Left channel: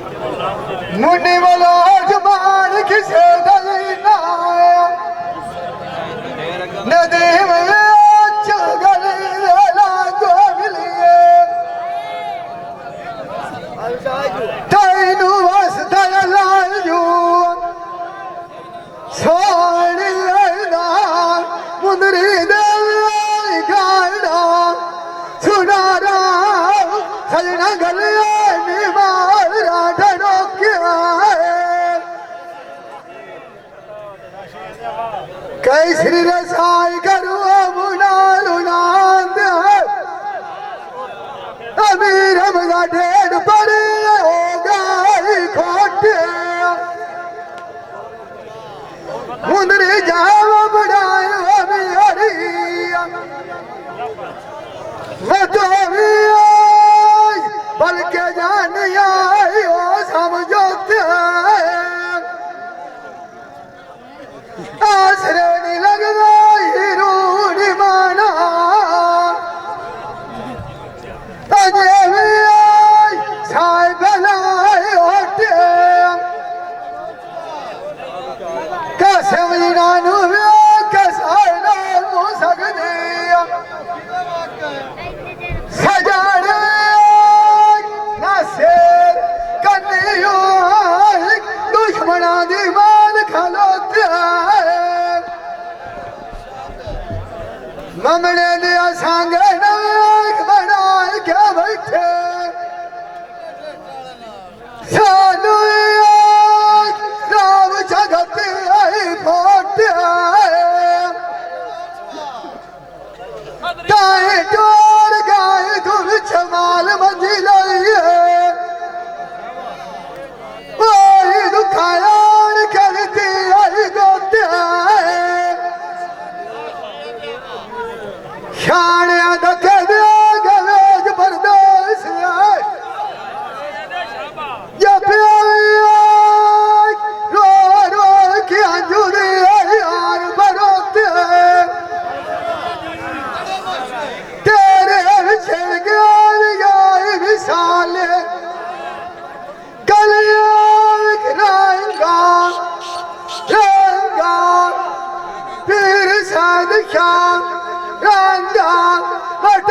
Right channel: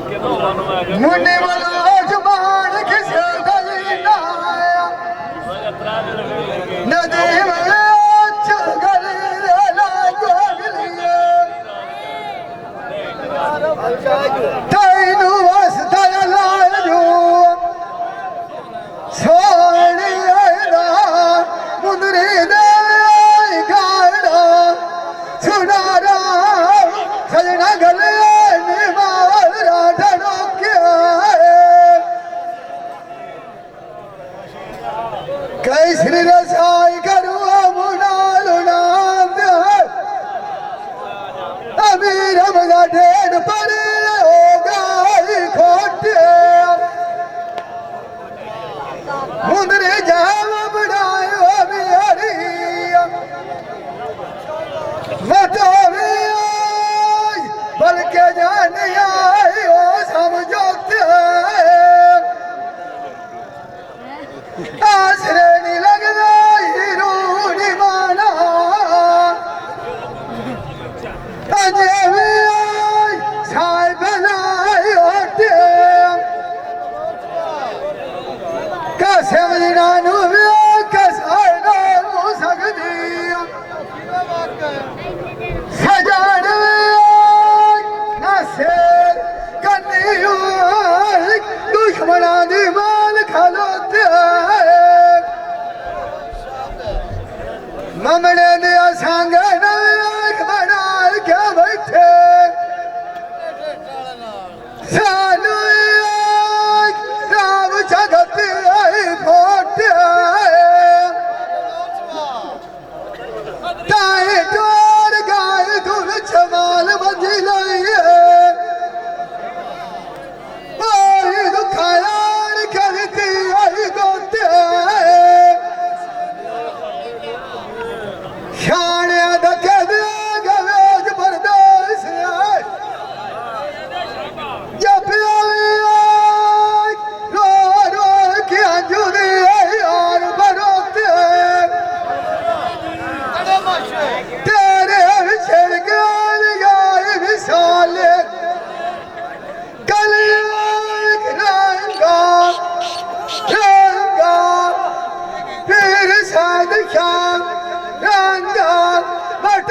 मुन्ने वाला जबान किसे दलीना नदी में चगली लागो गलिए तैनू वसदा लाजू सोनी दा मुंदरी दे गाड़ा सुनारा सजना गलिए कई श्री रसाई करुआ मुना लुनांद अमीर मगा ढेर पड़े हो गई खोटे मुंदरी जाव बढ़ाए अभी हरी मैं तो भी बल्कि जान आई हो समझोते आसरे नहीं लगना हीरो नहीं माना अजय में छाए बनाए होते कैसे मजनानू में कैसे ना हो सकती सजाने ना से कन्नियों दुश्मना दीवान खलोते ममने दिया सांगे नाक बना के बैठे सानू राम जगत आई फोटे ताए डोर गाय तुम चमाल मंजी लइए ओए दुखायार करती आई गोते शानिया धके दे गवेज बर्दाश्त है या रो रो की अंजुरी यार बरोते तेरे बिछड़ गए विशाले कलियाक रहेगा फिर शाद शाम रंगा बट